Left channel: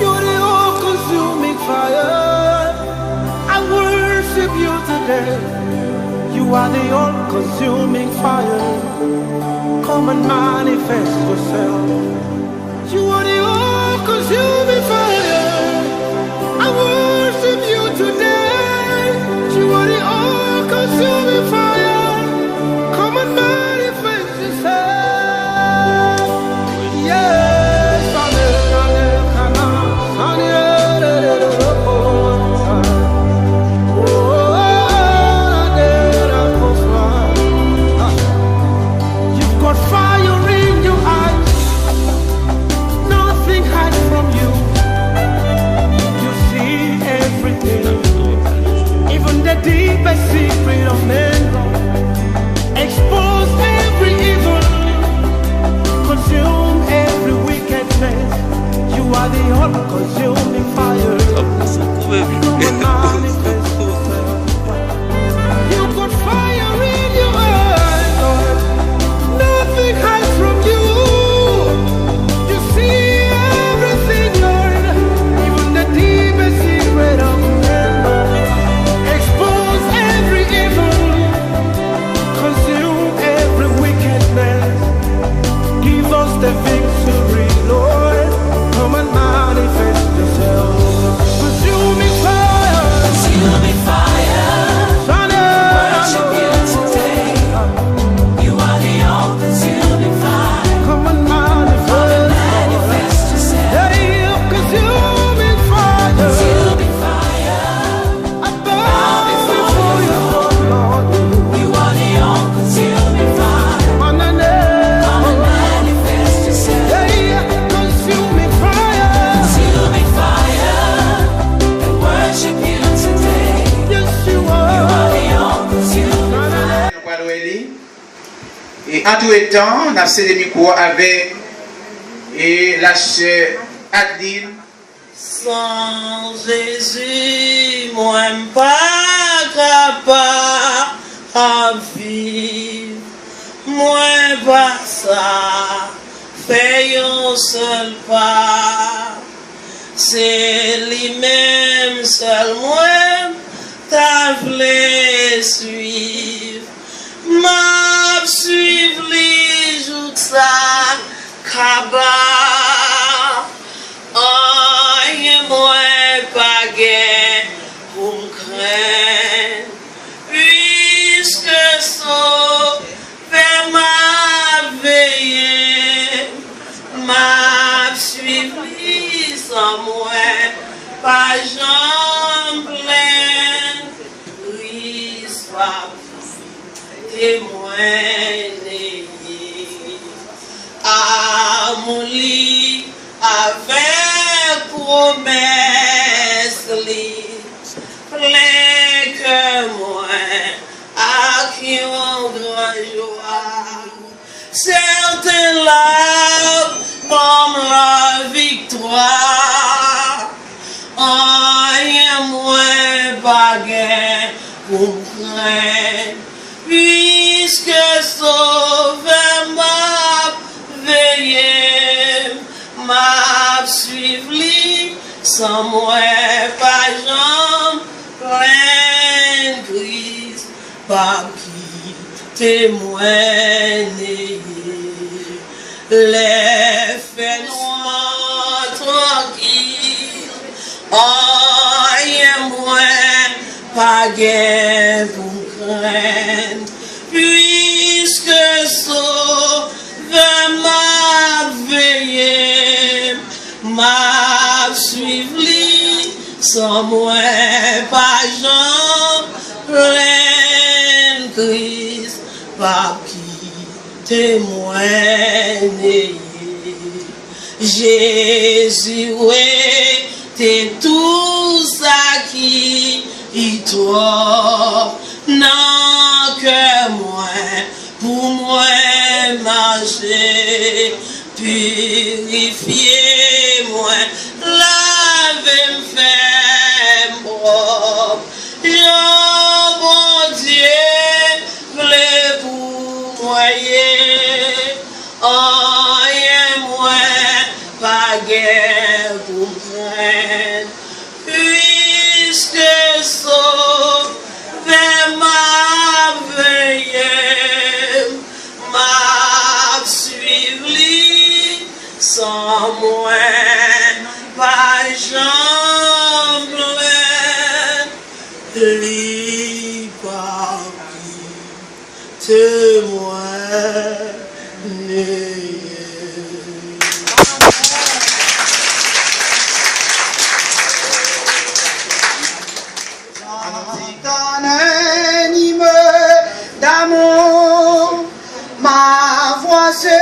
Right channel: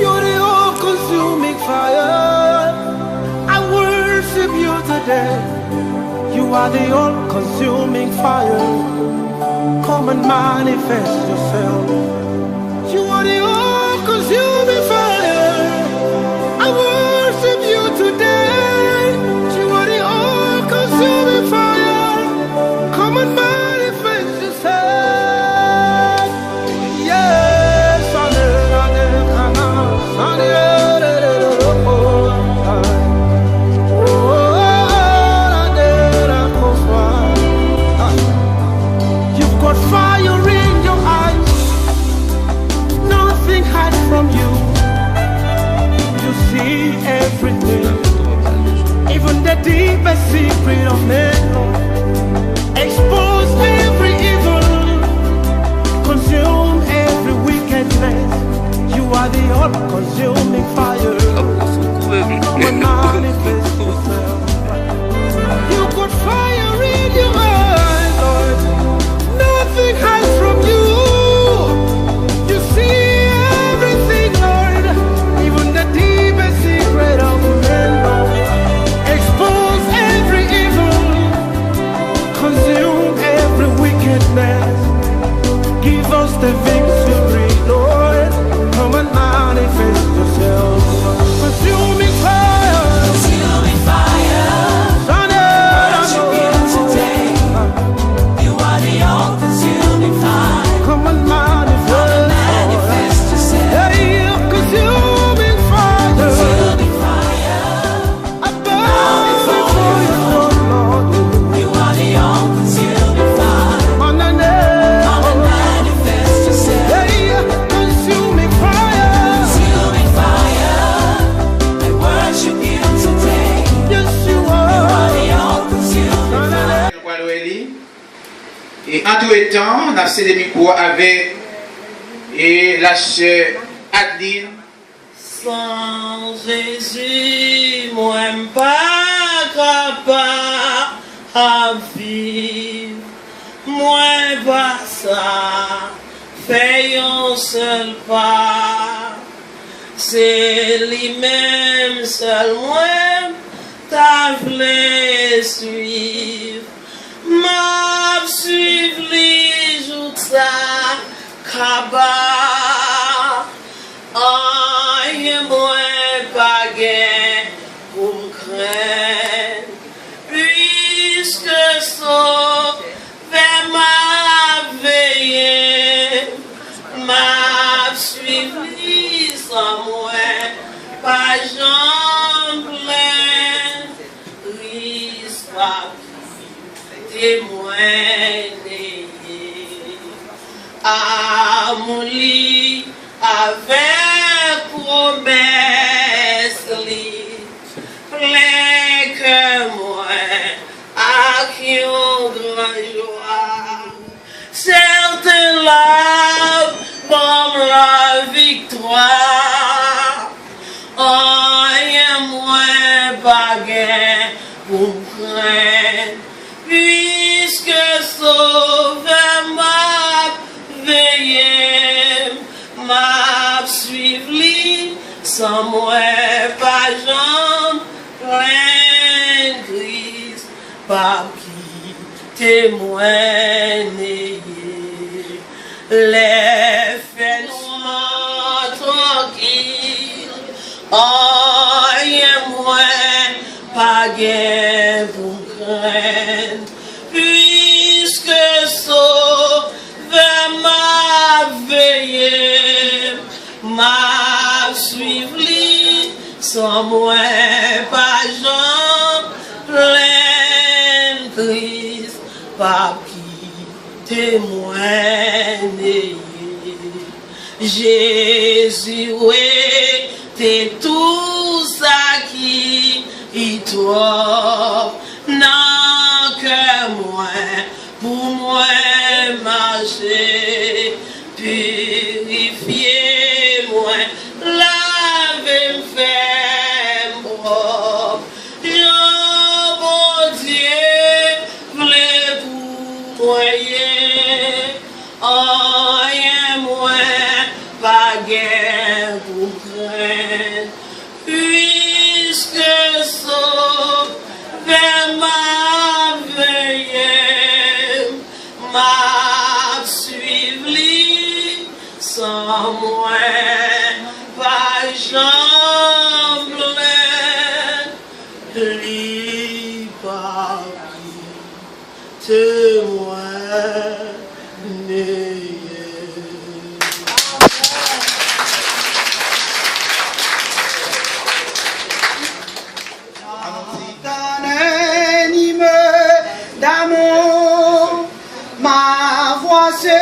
You're the all-consuming fire. I worship you today. You are the all-consuming fire. Come and manifest yourself. You are the all-consuming fire. I worship you today. You are the all-consuming fire. Come and manifest yourself. Yes, you've got fire in your eyes. Nothing hides from you. You see everything, even the deepest secret of men, Lord. Expose every evil, consume every wickedness. You are the all-consuming fire. Come and manifest yourself. You got fire in your eyes, Lord. Nothing hides from you. You see everything, Lord, even the deepest secret of men, Lord. Expose every evil, consume every wickedness. Give us the victory, Lord. Come and manifest yourself. Consuming fire. Consuming fire. You are the all-consuming fire. Come and manifest, Lord. Hey, consuming fire. I bow before your throne, Lord. You are the all-consuming fire. Consuming fire. Worship you today. Yes, you are. Et en tout temps, on a cédé le micro avec la chère Adeline. Sans Jésus, moi pas capable à vivre. Moi pas ça. Fais un seul pas, c'est lui-même seul moi, t'as voulu suivre, m'a suivre les jours ça, kaba, oh, moi pas gain pour me craindre, puisque ça fait ma veille. M'a suivi sans moi, pas jambe pleine, risque pas témoigner. À mon lit, avec promesse, plein que moi, à qui on grand joie. Certains larmes comme la victoire. Oh, moins baguette pour craindre, puisque sauver m'a veillé, m'a suivi sans moi pas jambe pleine grise, pas qui témoigner. Les faits noirs tranquilles, oh, et moi, pas gain pour craindre, puisque sauve m'a veillé, m'a suivi, sans moi, pas jambe, pleine crise, pas qui témoigner. Jésus, ouais, t'es tout ça qui y toi, non que moi, pour moi marcher, purifier moi, laver me faire propre, Jean bon Dieu, guerre pour craindre, puisque sauver ma veille, m'a suivi sans moi, pas jambe li parmi témoin. J'entends un hymne d'amour, ma voix se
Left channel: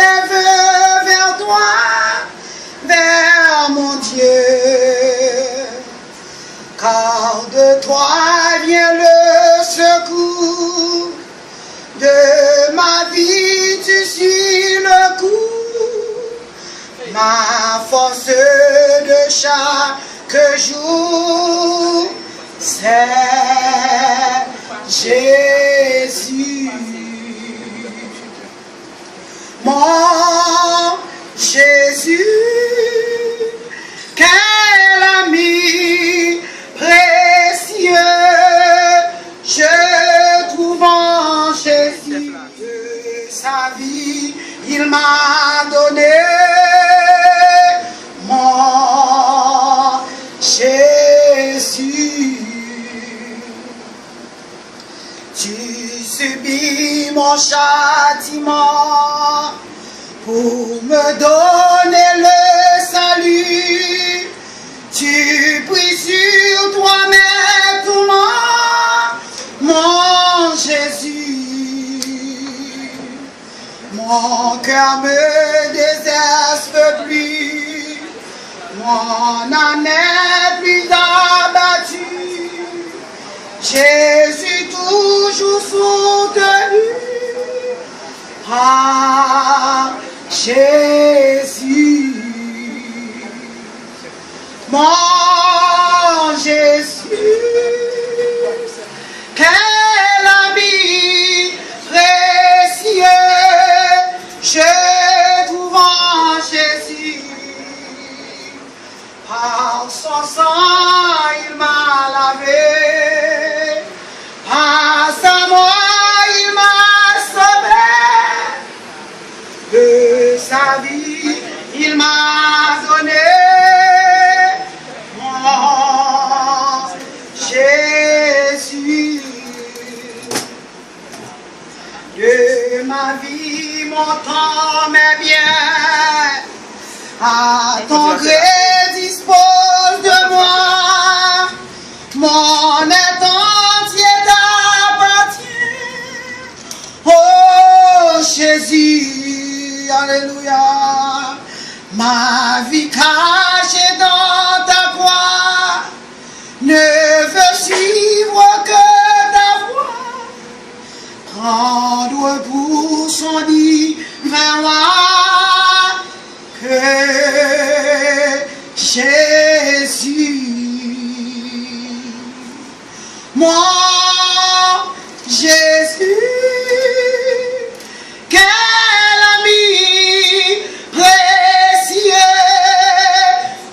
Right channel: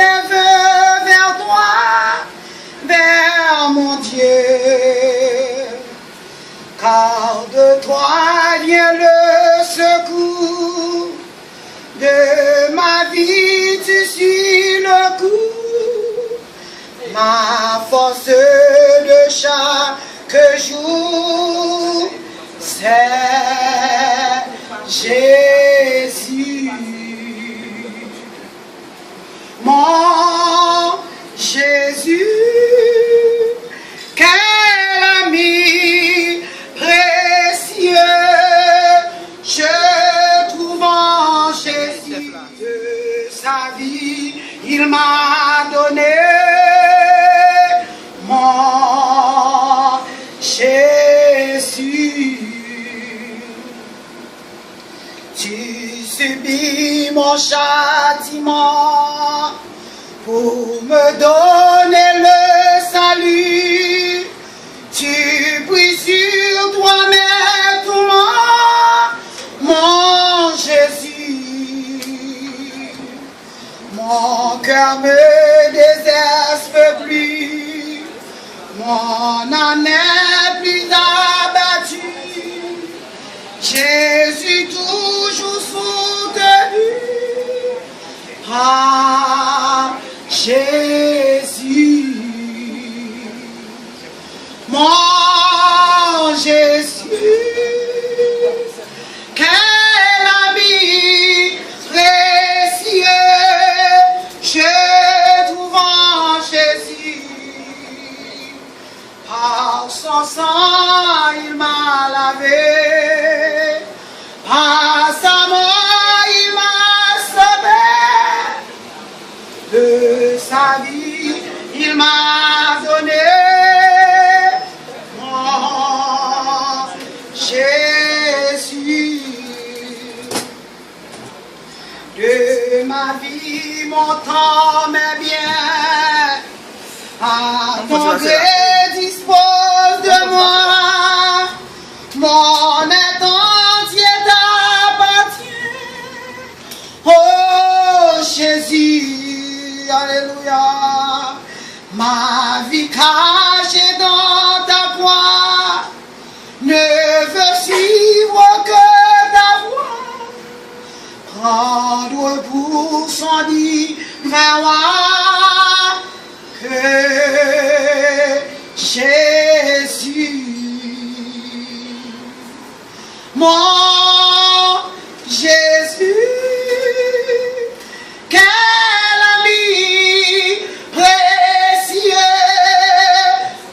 lève vers toi, vers mon Dieu, car de toi vient le secours, de ma vie tu suis le coup, ma force de chaque jour, c'est Jésus, mon Jésus, quel ami précieux je trouve en Jésus. De sa vie il m'a donné, mon Jésus. Tu subis mon châtiment pour me donner le salut. Tu pries sur toi-même tout mon Jésus. Mon cœur me désespère plus, mon âme n'est plus abattue. Jésus toujours soutenu par Jésus. Mon Jésus, quel ami précieux je trouve en Jésus. Par son sang il m'a lavé, par sa mort il m'a sauvé, de sa vie il m'a donné, mon Jésus. De ma vie mon temps m'est bien, à ton gré dispose de moi, mon être entier t'appartient. Oh Jésus, alléluia, ma vie cachée dans ta croix ne veut suivre que ta voix, prendre pour son divin roi que Jésus. Mon Jésus, quel ami précieux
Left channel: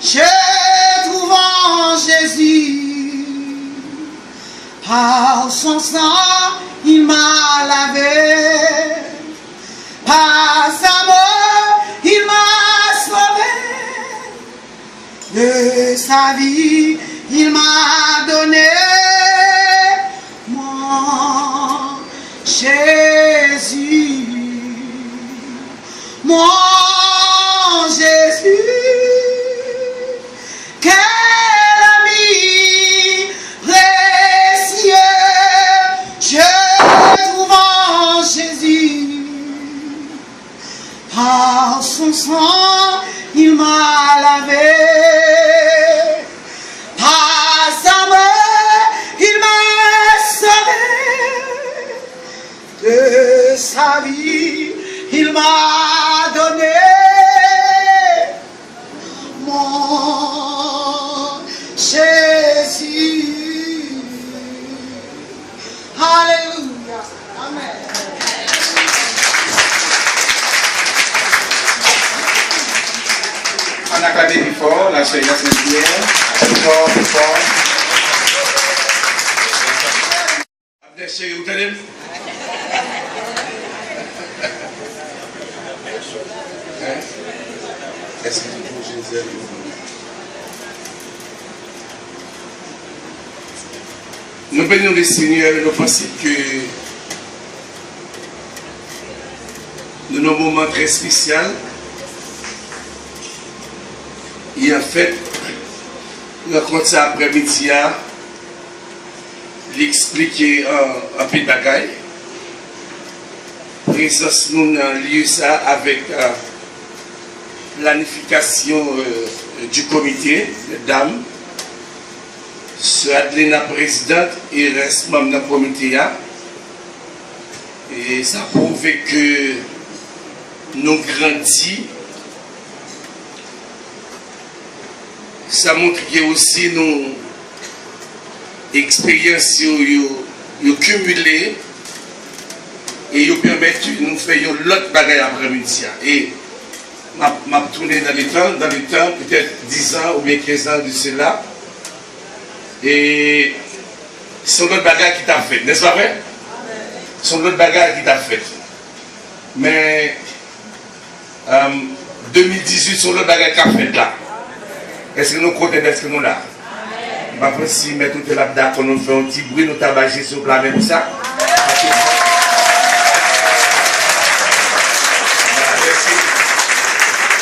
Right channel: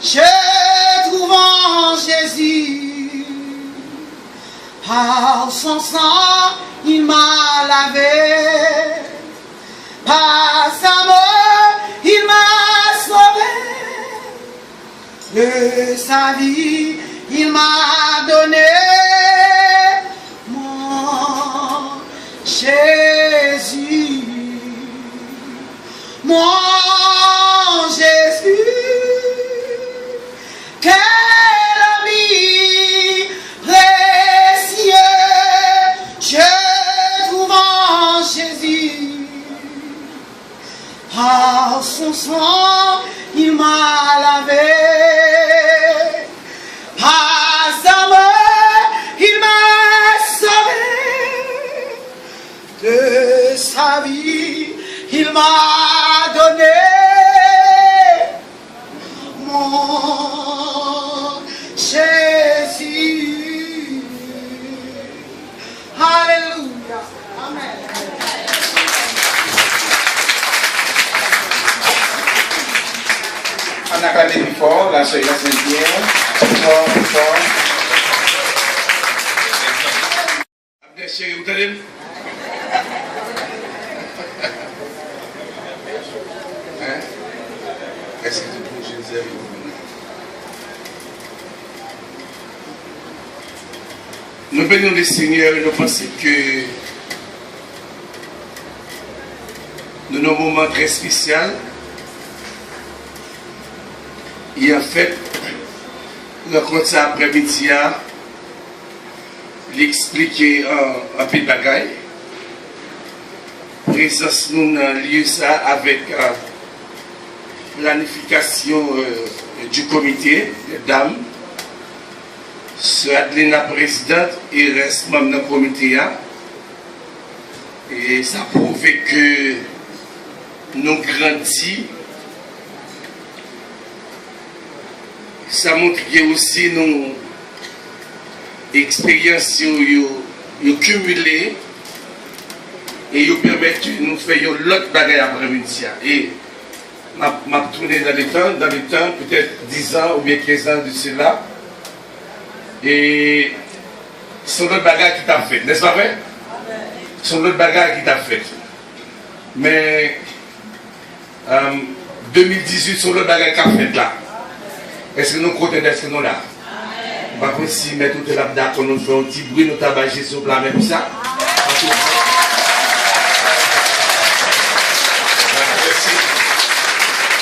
je trouve en Jésus. Par son sang il m'a lavé, par sa mort il m'a sauvé, de sa vie il m'a donné, mon Jésus, mon Jésus, quel ami précieux je trouve en Jésus. Par son sang il m'a lavé, par sa mort il m'a sauvé, de sa vie il m'a donné, mon Jésus. Alléluia. Amen. On acclame plus fort, la sœur Yasmine Pierre. Fort, plus fort. Abdel chéri, vous entendez? Est-ce que tu peux Jésus? Nous bénissons le Seigneur et nous pensons que nous avons un moment très spécial. Et en fait, nous compte ça après-midi, l'expliquer en peu de bagaille. Présence nous dans lieu ça avec planification du comité, les dames. Sœur Adelina présidente et reste membre dans le comité. Et ça prouve que nous grandissons. Ça montre que aussi nos expériences nous cumulées et nous permettent de nous faire l'autre bagaille après-midi. Et m'a tourné dans le temps, peut-être 10 ans ou bien 15 ans de cela. Et c'est l'autre bagaille qui t'a fait, n'est-ce pas vrai? C'est l'autre bagaille qui t'a fait. Mais 2018, c'est l'autre bagaille qui a fait là. Est-ce que nous comptons d'être nous là? Après, si nous mettons tout là d'accord, nous faisons un petit bruit, nous tabager sur la même ça.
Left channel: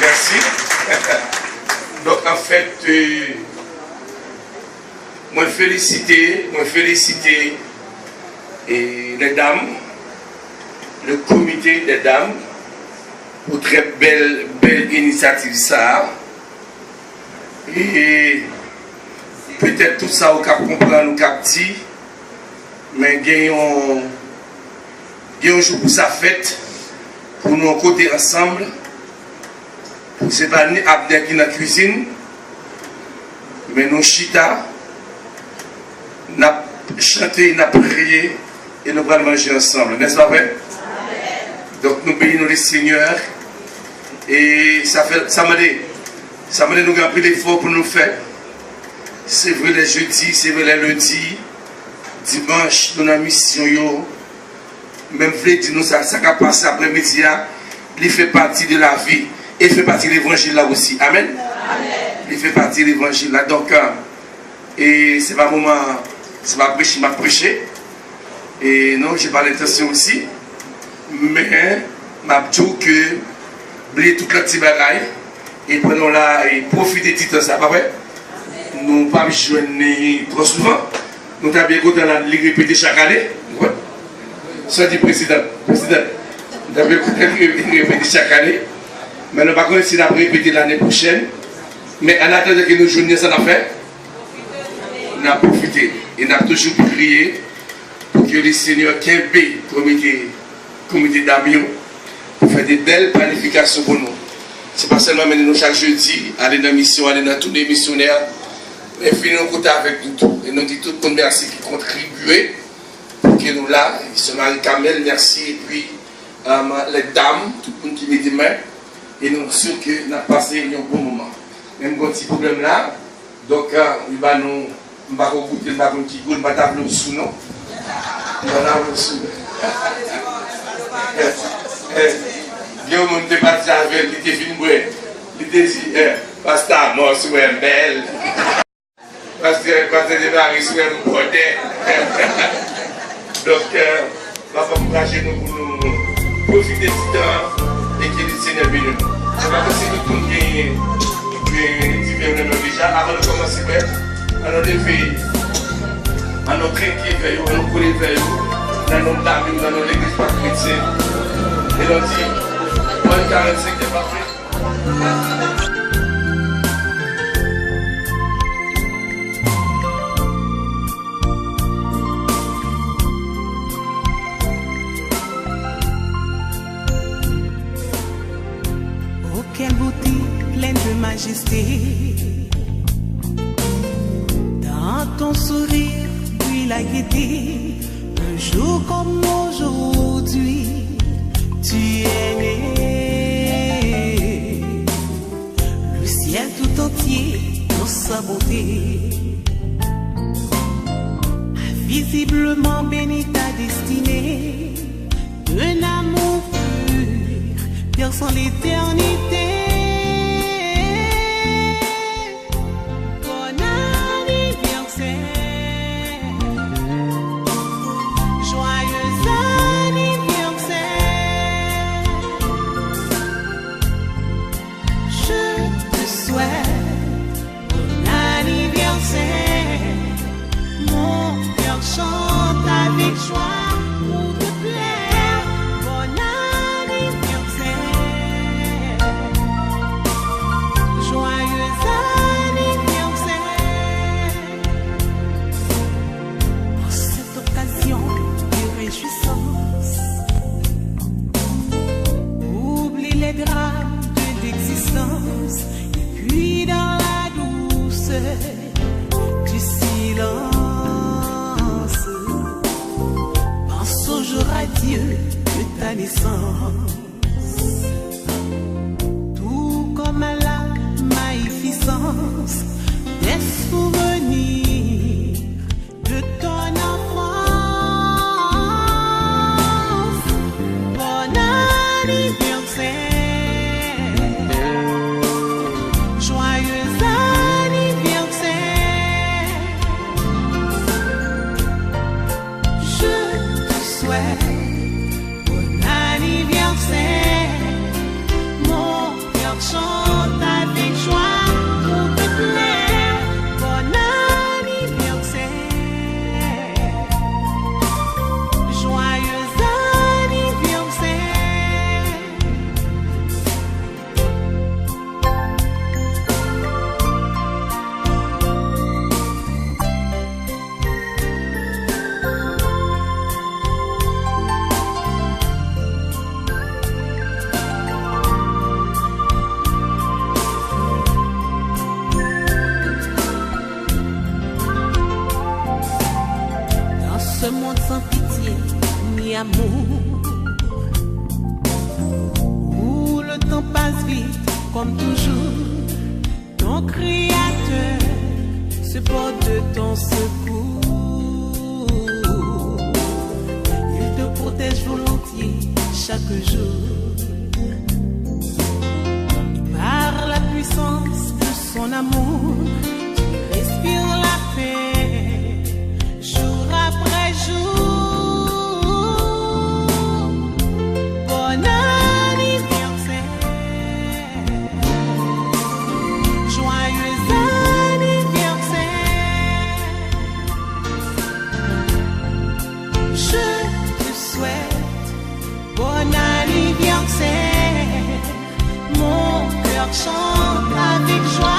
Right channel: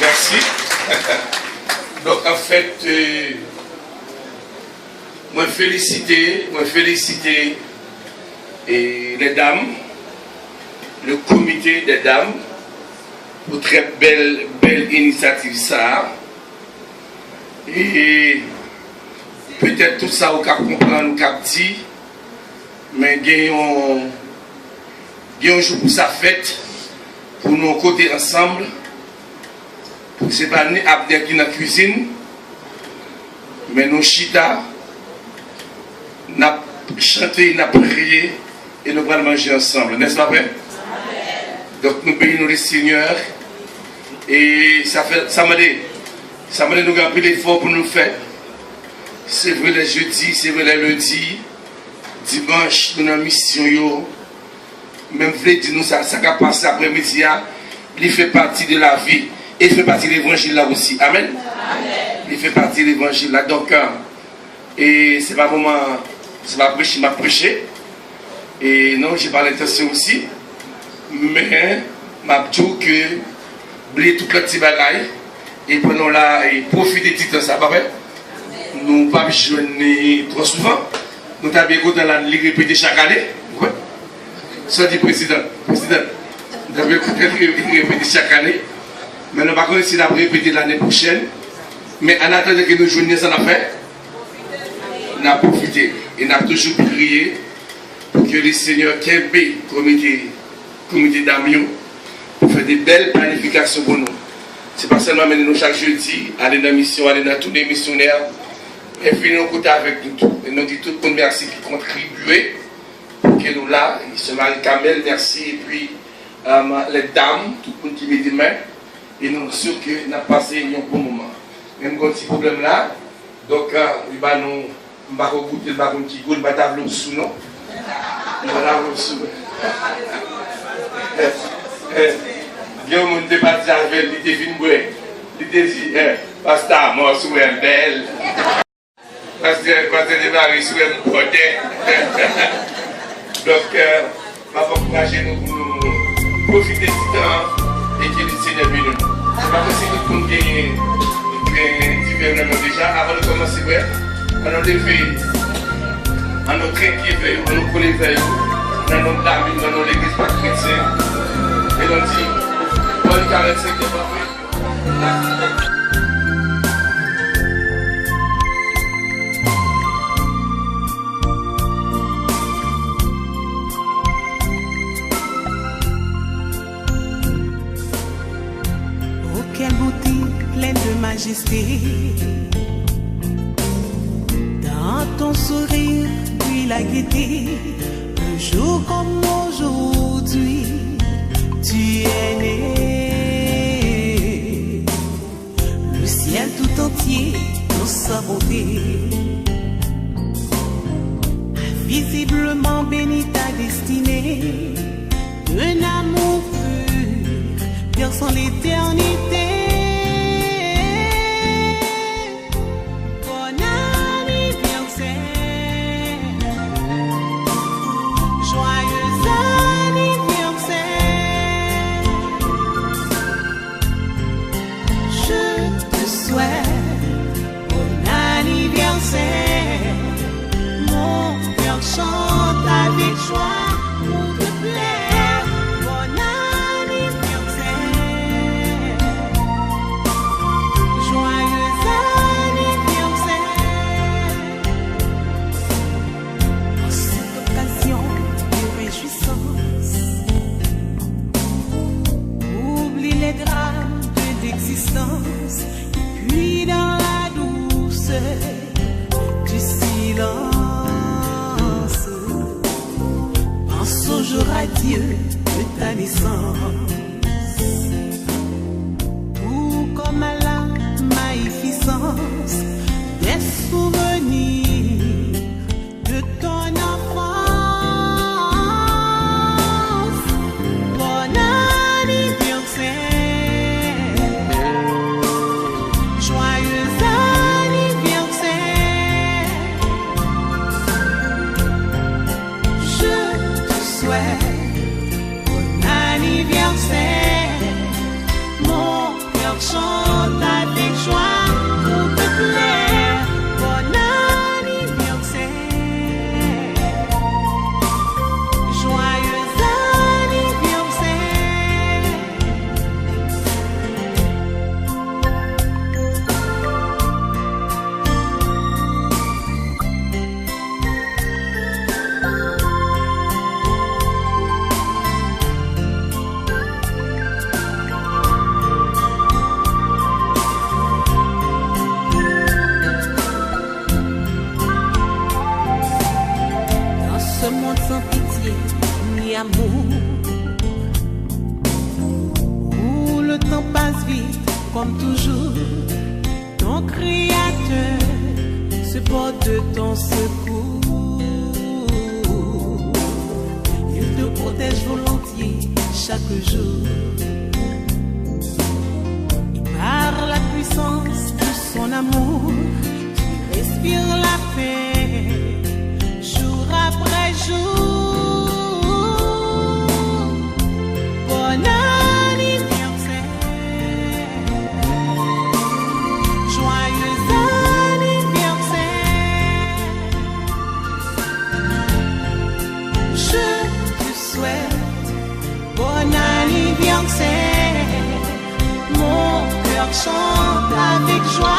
Merci. Donc en fait, moi féliciter les dames, le comité des dames, pour très belle initiative ça. Et peut-être tout ça, on peut comprendre, nous capter, mais gagnons un jour pour sa fête, pour nous côté ensemble. Ce n'est pas ni Abdel qui est dans la cuisine, mais nous chita, nous chanté, nous prié et nous allons manger ensemble. N'est-ce pas vrai? Donc nous bénissons le Seigneur et ça m'a dit nous avons pris l'effort pour nous faire. C'est vrai les jeudis, c'est vrai les lundis, dimanche, nous avons mission. Même si nous ça a passé après-midi, il fait partie de la vie. Et il fait partie de l'évangile là aussi. Amen. Il fait partie de l'évangile là. Donc, et c'est pas moment, c'est pas prêcher, m'a prêché. Et non, j'ai pas l'intention aussi. Mais, m'a dit que, oubliez toute la petite bagaille. Et prenons là, et profitez de tout ça, pas vrai? Nous pas joindre trop souvent. Nous avons écouté dans la ligue répétée chaque année. Soit dit président. Nous avons écouté la ligue répétée chaque année. Mais nous ne pouvons pas si nous avons répété l'année prochaine. Mais en attendant que nous joignions ça, nous avons profité. Et nous avons toujours prié pour que le Seigneur Kempe, comité d'amis, pour faire des belles planifications pour nous. Ce n'est pas seulement mener nous chaque jeudi, aller dans la mission, aller dans tous les missionnaires, mais finir au côté avec nous tous. Et nous disons tout le monde merci qui contribué pour que nous là, se Marie Kamel, merci, et puis les dames, tout le monde qui met des mains. Et nous sommes sûrs que nous avons passé un bon moment. Même quand il y a un problème là, donc il va nous goûter, il va nous goûter, il va nous sous nous. Il va nous sous. Il y a un monde qui est parti avec lui, il était fini, il était dit, pasteur, moi, je suis belle. Pasteur, de Marie, je suis un bordel. Donc, je vais encourager nous pour nous profiter du temps. Et que le Seigneur bénisse nous. Ce n'est pas possible que tout le monde gagne différents déjà. Avant de commencer, on a levé, on a craqué vers on a collé vers dans nos dames, dans l'église pas chrétienne. Et on dit, on est 45 de parfait. Quelle beauté pleine de majesté. Dans ton sourire, puis la gaieté. Un jour comme aujourd'hui, tu es né. Le ciel entier dans sa bonté. Visiblement béni ta destinée, un amour pur, perçant l'éternité. Bon anniversaire, joyeux anniversaire. Je te souhaite bon anniversaire. Mon cœur chante avec joie pour te plaire. Bon anniversaire, joyeux anniversaire. En cette occasion de réjouissance, oublie les drames de l'existence, et puis dans la douceur du silence, pense au jour radieux de ta naissance. Tout comme à la magnificence des souvenirs de ton enfance. Bon anniversaire, joyeux anniversaire. Je te souhaite bon anniversaire. Mon cœur chante avec joie pour te plaire. Bon anniversaire, joyeux anniversaire. Dans ce monde sans pitié ni amour, où le temps passe vite comme toujours, ton Créateur se porte de ton secours. Il te protège volontiers chaque jour. Et par la puissance de son amour, tu respires la paix jour après jour. Bon anniversaire, joyeux anniversaire. Je te souhaite bon anniversaire. Mon cœur chante avec joie